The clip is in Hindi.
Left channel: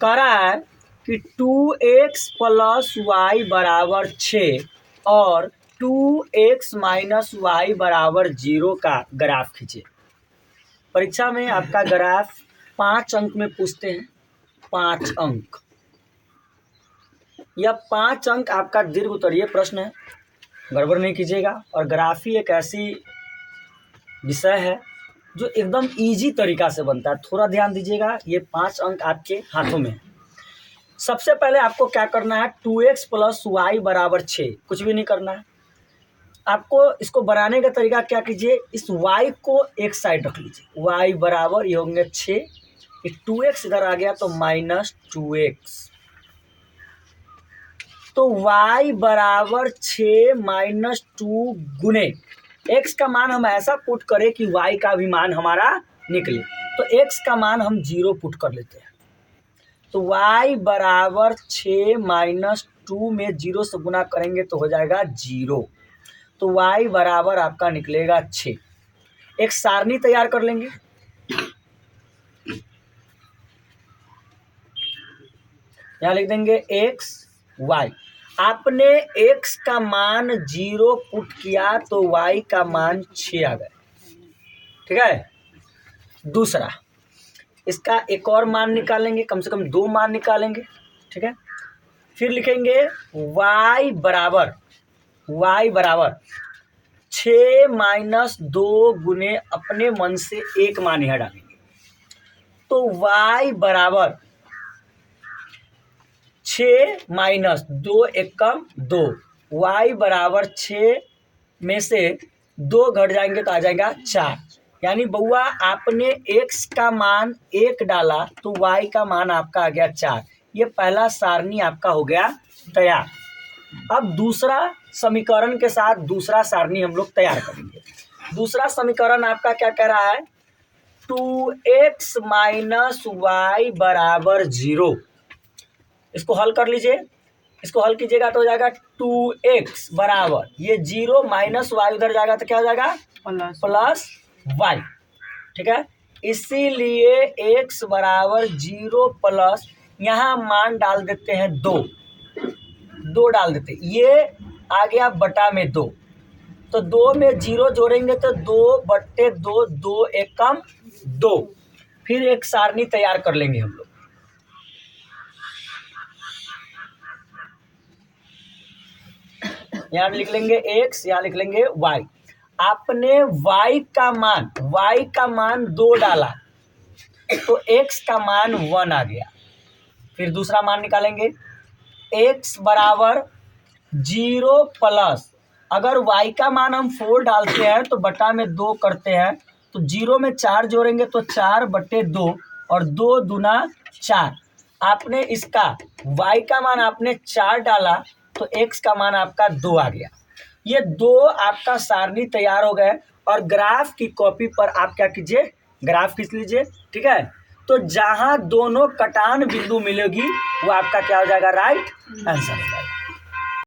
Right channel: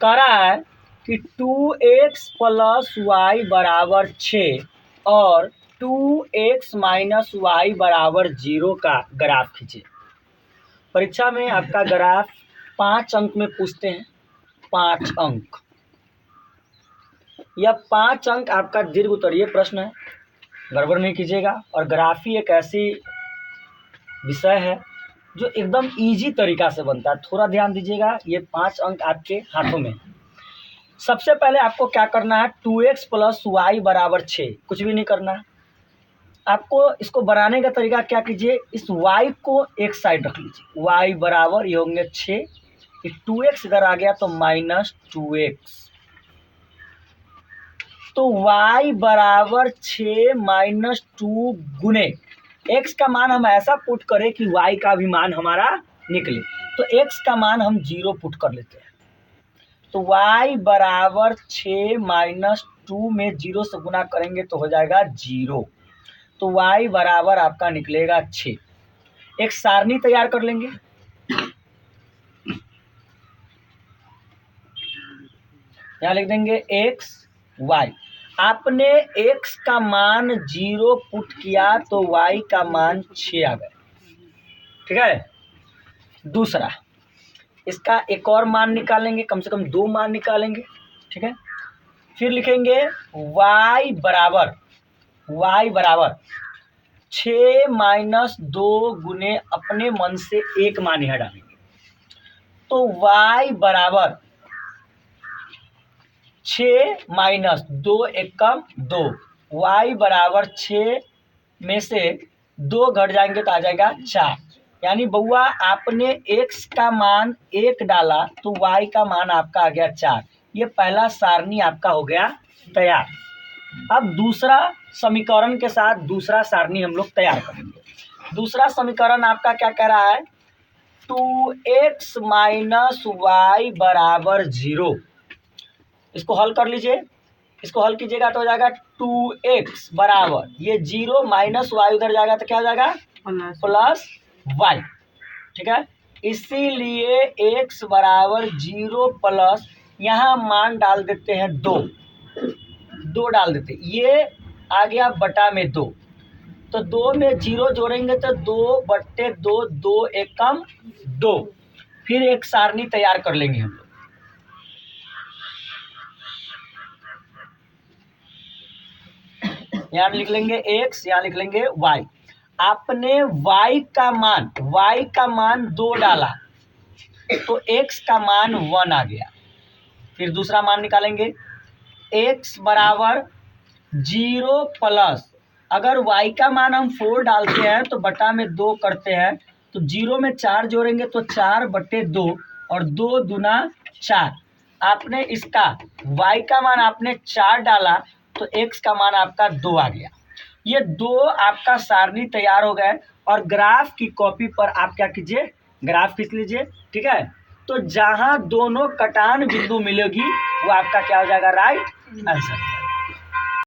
कह रहा है कि 2x प्लस वाई बराबर 6 और 2x माइनस वाई बराबर 0 का ग्राफ खींचे। परीक्षा में आपका ग्राफ 5 अंक में पूछते हैं, 5 अंक। यह 5 अंक आपका दीर्घ उत्तरीय प्रश्न है, गड़बड़ नहीं कीजिएगा। और ग्राफ ही एक ऐसी विषय है जो एकदम इजी तरीका से बनता है, थोड़ा ध्यान दीजिएगा। ये 5 अंक आपके हाथों में है। सबसे पहले आपको क्या करना है, 2x प्लस वाई बराबर 6, कुछ भी नहीं करना है आपको। इसको बनाने का तरीका क्या कीजिए, इस y को एक साइड रख लीजिए, y बराबर ये होंगे 6, 2x अगर आ गया तो माइनस 2x, तो y बराबर 6 माइनस 2 गुने x का मान हम ऐसा पुट करें कि y का भी मान हमारा निकले, तो x का मान हम 0 पुट कर लेते हैं। तो y बराबर 6 माइनस 2 में 0 से गुना करेंगे तो हो जाएगा 0, तो y बराबर आपका निकलेगा 6। एक सारणी तैयार कर लेंगे। यहाँ लिख देंगे x y। आपने x का मान 0 पुट किया तो y का मान 6 आ गए, ठीक है। दूसरा, इसका एक और मान निकालेंगे, कम से कम 2 मान निकालेंगे, ठीक है। फिर लिखेंगे y बराबर 6 माइनस 2 गुने अपने मन से एक मान यहाँ डालेंगे, तो y बराबर 6 माइनस 2 एकम 2, y बराबर 6 में से 2 घट जाएंगे तो आ जाएगा 4। यानी बउआ आपने x का मान 1 डाला तो y का मान आपका आ गया 4। ये पहला सारणी आपका हो गया तैयार। अब दूसरा समीकरण के साथ दूसरा सारणी हम लोग तैयार करेंगे। दूसरा समीकरण आपका क्या कह रहा है, 2x माइनस वाई बराबर 0। इसको हल कर लीजिए, इसको हल कीजिएगा तो हो जाएगा 2x बराबर ये 0 माइनस वाई उधर जाएगा तो क्या हो जाएगा प्लस वाई, ठीक है। इसीलिए x बराबर 0 प्लस यहाँ मान डाल देते हैं 2 डाल देते, ये आ गया बटा में 2, तो 2 में 0 जोड़ेंगे तो 2/2, 2 एकम 2। फिर एक सारणी तैयार कर लेंगे हम लोग। यहाँ लिख लेंगे x, यहाँ लिख लेंगे y। आपने y का मान 2 डाला तो x का मान 1 आ गया। फिर दूसरा मान निकालेंगे, x बराबर 0 प्लस, अगर y का मान हम 4 डालते हैं तो बटा में 2 करते हैं, तो 0 में 4 जोड़ेंगे तो 4/2 और 2 दूना 4। आपने इसका y का मान आपने 4 डाला तो x का मान आपका 2 आ गया। ये 2 आपका सारणी तैयार हो गए। और ग्राफ की कॉपी पर आप क्या कीजिए, ग्राफ खींच लीजिए, ठीक है। तो जहां दोनों कटान बिंदु मिलेगी वो आपका क्या हो जाएगा, राइट आंसर हो जाएगा।